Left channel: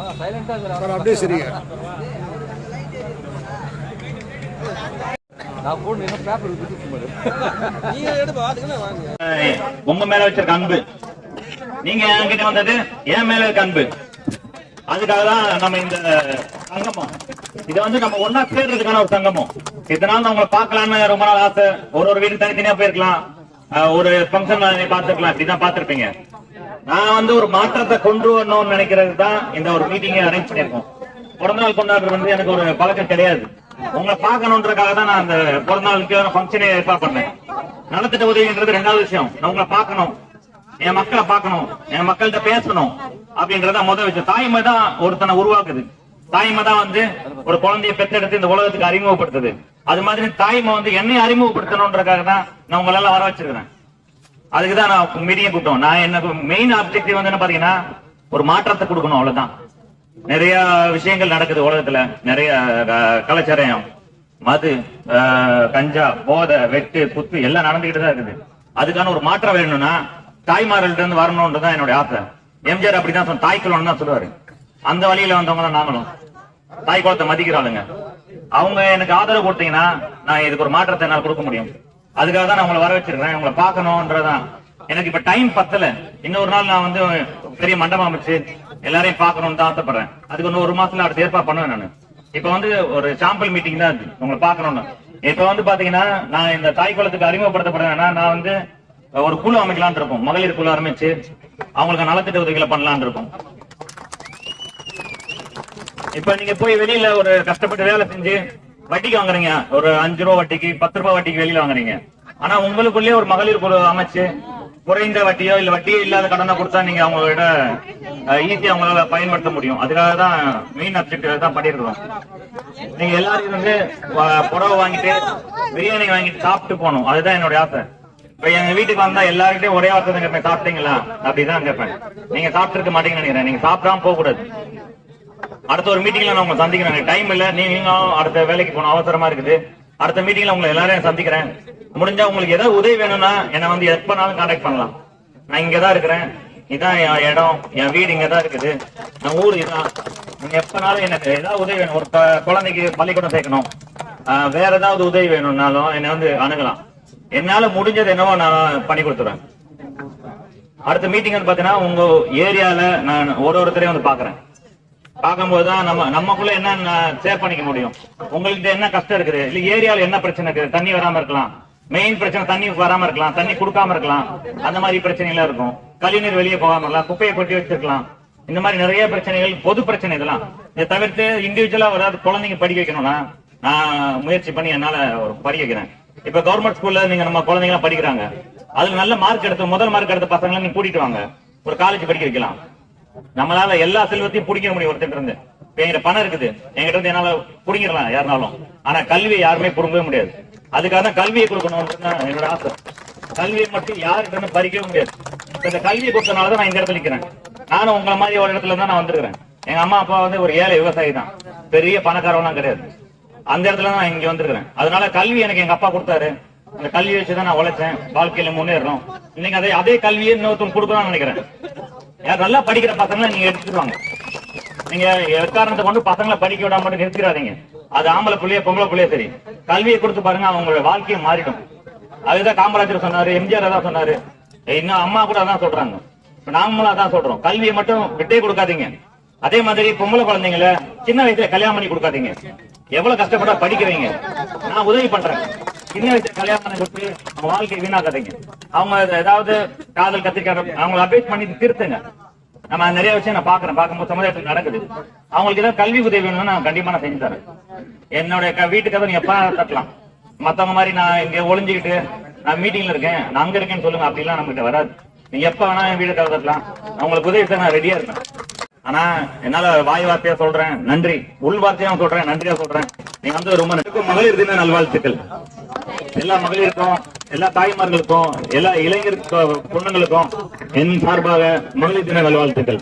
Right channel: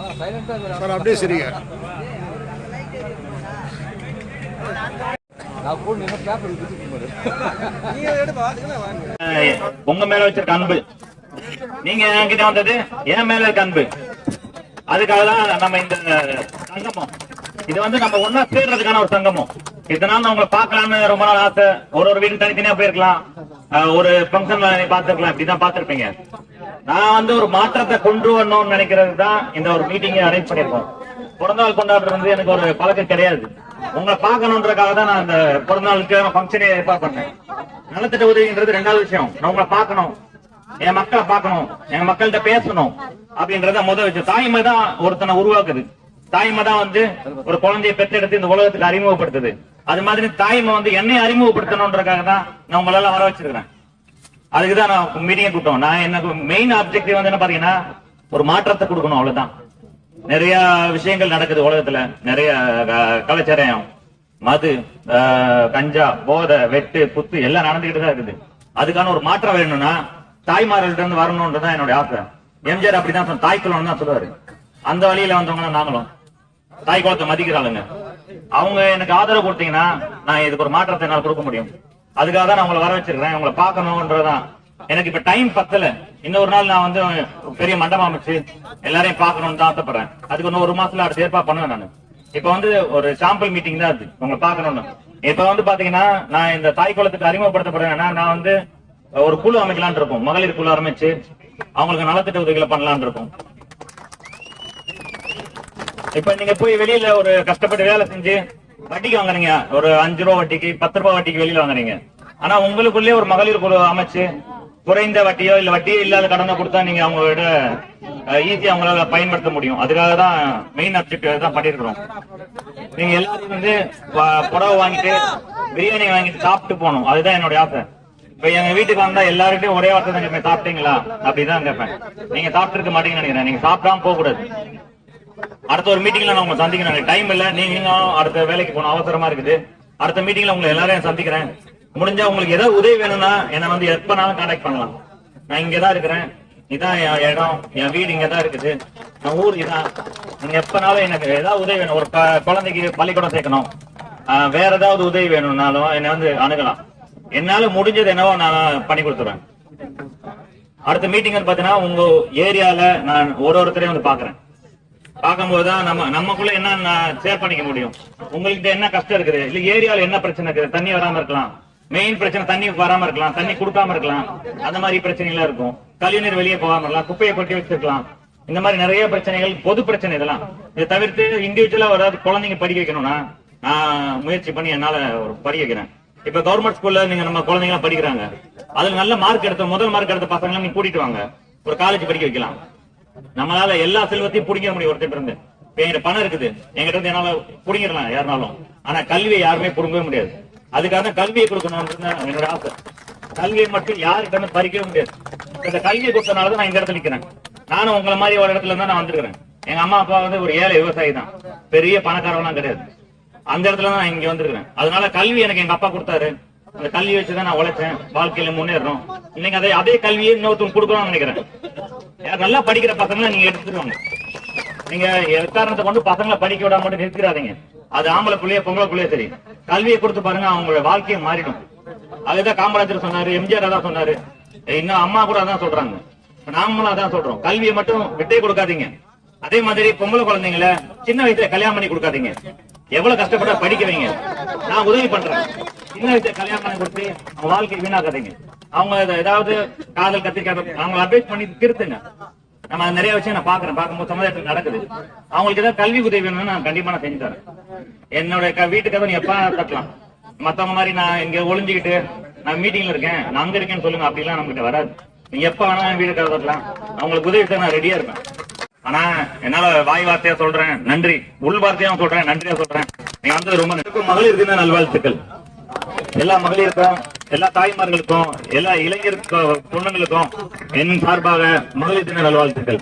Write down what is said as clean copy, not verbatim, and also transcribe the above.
Sir அப்படியே சரிங்க. உங்க மேல வச்சிருக்க அன்பு, நீங்க என்கிட்ட வந்தது என் மேல இருக்க அன்பு, அதுக்காக தான் நம்ம இந்த சங்கமம். இது வந்து நம்ம ஒன்னா சேர்றதுக்கான ஒரு சங்கமம். இதனால நான் உங்களை பார்க்கலான்னு ரொம்ப நாள் ஆசை. ஒரு வீட்டுக்கு தனித்தனியா போயிருக்கலாம், ஒரு பங்கன் பார்த்திருக்கலாம், இப்படிதான் பார்த்திருப்பீங்க. நான் வந்து ஒரு மாற்றத்தை கொண்டு வரணும்னு நினைக்கிறது தான் இந்த ஒரு மீட்டிங்கை அரேஞ்ச் பண்ணிருக்கோம். பிறந்த நாள் கொண்டாடுறது வந்து எனக்கு ஒரு பழக்கம் கிடையாது. உங்களை பார்க்கணுன்றதுக்காக தான் நான் அந்த பிறந்த நாளுக்கு ஃபங்க்ஷனே ஏற்பாடு பண்ணேன். நலத்திட்ட உதவின்றது ரெண்டாவது விஷயம். நான் உங்களை பார்க்கணும், என் மக்களை பார்க்கணும், என் மக்கள்கிட்ட பேசணும் அப்படின்றத முதல் விஷயம். தாய்மை தான் ஒருத்தனை உருவாக்குது. தாய்மை தான் வந்து ஒரு குழந்தைய பெற்றெடுத்து இந்த உலகத்துக்கு அறிமுகப்படுத்துது. அது மாதிரி தாய்மை வந்து என்னையும் அறிமுகப்படுத்தணுன்றதுக்காக தான் நான் உங்களெல்லாம் வர வச்சிருக்கிறேன். அதுக்குதான் நான் மீட்டிங் கூட்டம். நான் எனக்கு மெயின் ஆப்ஜெக்டிவ் வந்து என்ன பாத்தீங்கன்னா, ஒரு மாற்றத்தை கொடுக்கணும், அவ்வளவுதான். நிறைய விஷயங்கள் நடக்குது உலகத்துல. நிறைய கலாச்சாரம், மது, கஞ்சா, போதை, வெட்டு, குத்து எல்லாம் நடந்துகிட்டு தான் இருக்குது. அதுக்கான ஒரு மாற்றம் வேணும்னா தாய்மார்கள்ட்ட இருந்து வரணும்ன்றதான் என்னுடைய ஆசை. எம்ஜிஆர் அப்படிதான் தாய் குலம்னு தான் சொல்லுவாரு. அந்த வழியில வந்தவங்களும் நாங்களும் தாய் குலத்தை மதிக்கிறாளுங்க. அவங்க எனக்கு ஆதரவு கொடுத்தீங்கன்னா நான் இதுக்கு ஒரு மாற்றத்தை என்னால் கொடுக்க முடியும். அதுக்காக தான் நான் உங்களை வர வச்சிருக்கேன். உங்களை பார்க்கணும்ன்றதான். எனக்கு இப்ப டைம் பத்தல. இன்னொரு நாள் நான் வந்து பெரிய மண்டபம் அமைச்சு எல்லாரையும் பார்க்கணும்னு தான் ஆசைப்படுறேன். அதுக்கு இன்னும் ஒரு மாசத்துல அடுத்த ஏற்பாடு பண்ணுவேன். நான் இப்ப வந்து ஒரு சாம்பிள் மீட்டிங் தான் அது, உங்களை பார்க்கணும்னு. இப்ப வந்து பாத்தீங்கன்னா நான் இந்த தாய் குலத்துக்கு அறிமுகப்படுத்தப்படுறேன்னா, நான் வந்து ஒரு குழு அமைக்கலான் இருக்கோம். மகளிர் குழு ஆரம்பிச்சு அவங்களுக்கு நலத்திட்ட உதவிகளை பண்ணலான் இருக்கும். இப்ப நீங்க போய் வெளியில ஒரு கஷ்டப்பட்டு வேலை செஞ்சு வட்டிக்கு வாங்குறீங்க, ஒரு 5 ரூபா வட்டிக்கு, 10 ரூபாய் வட்டிக்கு வெளியில வாங்குறீங்க. ஆனா உங்களுக்குள்ளே ஒரு மகளிர் குழு அமைச்சு குறைந்த வட்டியோ இல்ல வட்டியோ இல்லாத கடனை கொடுத்தா நீங்க அவங்களோட ஈஸியா அவங்களால பயன்படுத்த முடியும். அதுக்காக தான் மெயின் அப்ஜெக்டிவ் தான் பண்ணிருக்கிறோம். நீங்க எல்லாரும் வந்து புடவை வாங்கிட்டு பிரியாணி வாங்கிட்டு சாப்பிட்டு போகணும், அதுதான் என்னுடைய ஆசை. இப்ப எங்க வீட்டுக்கு வந்தா எல்லாருக்கிட்டையும் ஒரே வார்த்தை தான் கேட்பேன், சாப்பிட்டீங்களா அப்படிதான் கேட்பேன். நீங்க சாப்பிட்டு இருக்க மாட்டீங்கன்னு நினைக்கிறேன். நீங்க சாப்பிடாம போக கூடாது. அடுத்த ஒரு மீட்டிங்ல நான் உங்களை சந்திக்கிறேன். எனக்கு டைம் இல்ல, நீங்க அடுத்த வேலைக்கு போகணும், அவசரமா இருக்குது. அடுத்த மீட்டிங்ல உங்களை எல்லாரையும் சந்திக்கிறேன். முடிஞ்சா உங்களுக்கு ஏதாவது உதவி வேணும்னா என்ன வந்து எப்பனாலும் கான்டாக்ட் பண்ணலாம். நான் இங்கதான் இருக்கிறேன், இதான் என் இடம், என் வீடு இங்கதான் இருக்குது, என் ஊர் இதான். நீங்க எப்பனாலும் எனக்கு ஏதாவது உதவி வேணும், ஒரு குழந்தைக்கு பள்ளிக்கூடம் சேர்க்கணும், வேற ஏதாவது உதவி வேணும்னாலும் என்ன வந்து அணுகலாம். என்னால முடிஞ்சது என்னவோ நான் பண்ணி கொடுத்துறேன். அடுத்த மீட்டிங் வந்து பாத்தீங்கன்னா உங்க ஏரியால நான் ஒருத்தரையும் வந்து பாக்குறேன். பார்க்கும்போதுதான் நமக்குள்ள என்ன ஷேர் பண்ணிக்க முடியும். உங்களுக்கு என்ன கஷ்டம் இருக்குது, இல்ல ஏரியால என்ன பிரச்சனை இருக்குது, தண்ணி வராம இருக்கலாம், மெயின் பிரச்சனை தண்ணி வராம இருக்கலாம், தண்ணி கொடுக்காம இருக்கலாம், அந்த மாதிரி பிரச்சனைகள் இருக்கும். கழிவுநீர் வெளியே போகாம இருக்கலாம், குப்பையை கொட்டி வச்சிருக்கலாம். இந்த மாதிரி நிறைய பிரச்சனைகள், பொது பிரச்சனை. இதெல்லாம் இதை தவிர்த்து இண்டிவிஜுவலா ஒரு குழந்தைங்க படிக்க வைக்கணும்னா நான் முயற்சி பண்ணி என்னால ஒரு படிக்க வைக்கிறேன். இப்ப கவர்மெண்ட் ஸ்கூல்ல நீங்க நம்ம குழந்தைங்க படிக்கிறாங்க, அதுல நல்ல மார்க் எடுத்து முதல் மார்க் எடுத்த பசங்களை நீங்க கூட்டிட்டு வாங்க, ஒரு காலேஜ் படிக்க வைக்கலாம். நம்மளால எல்லா செல்வத்தையும் பிடிக்க முடியும். ஒருத்தர் இருந்து என்கிட்ட பணம் இருக்குது, என்கிட்ட இருந்து என்னால பிடிங்கிடலாம் யாருனாலும். ஆனா கல்வியை யாருமே பிடுங்கவே முடியாது. அதுக்காக தான் கல்வியை கொடுக்கணும் என்னோட ஆசை. கல்வியை மட்டும் யாருக்கிட்ட இருந்து பறிக்கவே முடியாது. இந்த கல்வியை கொடுத்தனாலதான் நான் இந்த இடத்துல நிக்கிறேன். நானும் உங்களை மாதிரி ஒரு இடத்துல தான் நான் வந்திருக்கிறேன். எங்க அம்மா அப்பா வந்து ஒரு ஏழை விவசாயி தான், பெரிய பணக்காரவெல்லாம் கிடையாது. அந்த இடத்துல தான் இங்க வந்திருக்கிறேன். அதனால கல்வி எனக்கு எங்க அப்பா கொடுத்தாரு. அந்த கல்வி வச்சுதான் நான் உழைச்சேன், வாழ்க்கையில முன்னேறணும். நீங்க அதே கல்வியை இன்னொருத்தர் கொடுக்கணும்னு நினைக்கிறேன். யார் நல்லா படிக்கிற பசங்களை நீங்க எடுத்துருவாங்க. நீங்க எக்காரணத்தை கொண்டு பசங்களை படிக்க விடாம மட்டும் நிறுத்திடாதீங்க. அது ஆம்பளை பிள்ளைய பொம்பளை பிள்ளைய சரி, கல்வியை கொடுத்து பாருங்க, அவங்களோட வாழ்க்கையை மாறிடும். அதுதான் காமராஜர் சொன்னாரு, எம்ஜிஆர் அதான் சொன்னாரு, இன்னும் அம்மா கூட அதான் சொல்றாங்க, நாமளும் அதான் சொல்றோம். கல்வியை மட்டும் விட்டே கொடுக்காதீங்க. அதே மாதிரி பொம்பளை குழந்தைங்கள சின்ன வயசுல கல்யாணம் பண்ணி கொடுக்காதீங்க. எவ்வளவு கஷ்டப்பட்டா படிக்கிறீங்க, நான் உதவி பண்றேன். சின்ன வயசுல கல்யாணம் பண்ணி கொடுத்து அவங்க வாழ்க்கையை வீணாக்காதீங்க. அவங்க ஏதாவது காதல் கத்திரிக்காத அவங்களை அட்வைஸ் பண்ணி திருத்துங்க. நம்ம நிறைய விஷயம் நான் பாக்குறேன், பார்க்கும்போது சமுதாயத்தில் நடக்குது. அவங்களுக்கு ஏதாவது கல்வி உதவி வேணும்னு நான் கண்டிப்பா நான் செஞ்சு தரேன். என்னோட வீட்டுக்காக நீங்க எப்ப தட்டலாம். மத்தவங்க மாதிரி நான் இங்க ஒளிஞ்சுக்கிட்டு நான் மீட்டிங்ல இருக்கேன், நான் அங்க இருக்கேன்னு சொல்லுங்க, அப்படிலாம் நம்மகிட்ட வராது. நீங்க எப்ப வேணா என் வீட்டுக்காக தட்டலாம். அவங்களுக்கு உதவி செய்ய நான் ரெடியா இருப்பேன். ஆனா என்னால வாய் வார்த்தையா சொல்றேன் நன்றி, உள் வார்த்தையா சொல்றேன் நன்றியா சொல்றேன். நீங்க வந்து ரொம்ப நன்றி. மகளிர் தின நல்வாழ்த்துக்கள் எல்லா மகளிருக்கும், எல்லா தாய்மார்களுக்கும், எல்லா இளைஞர் பொண்ணுங்களுக்கும் என் சார்பாக மகளிர் தின நல்வாழ்த்துக்கள்.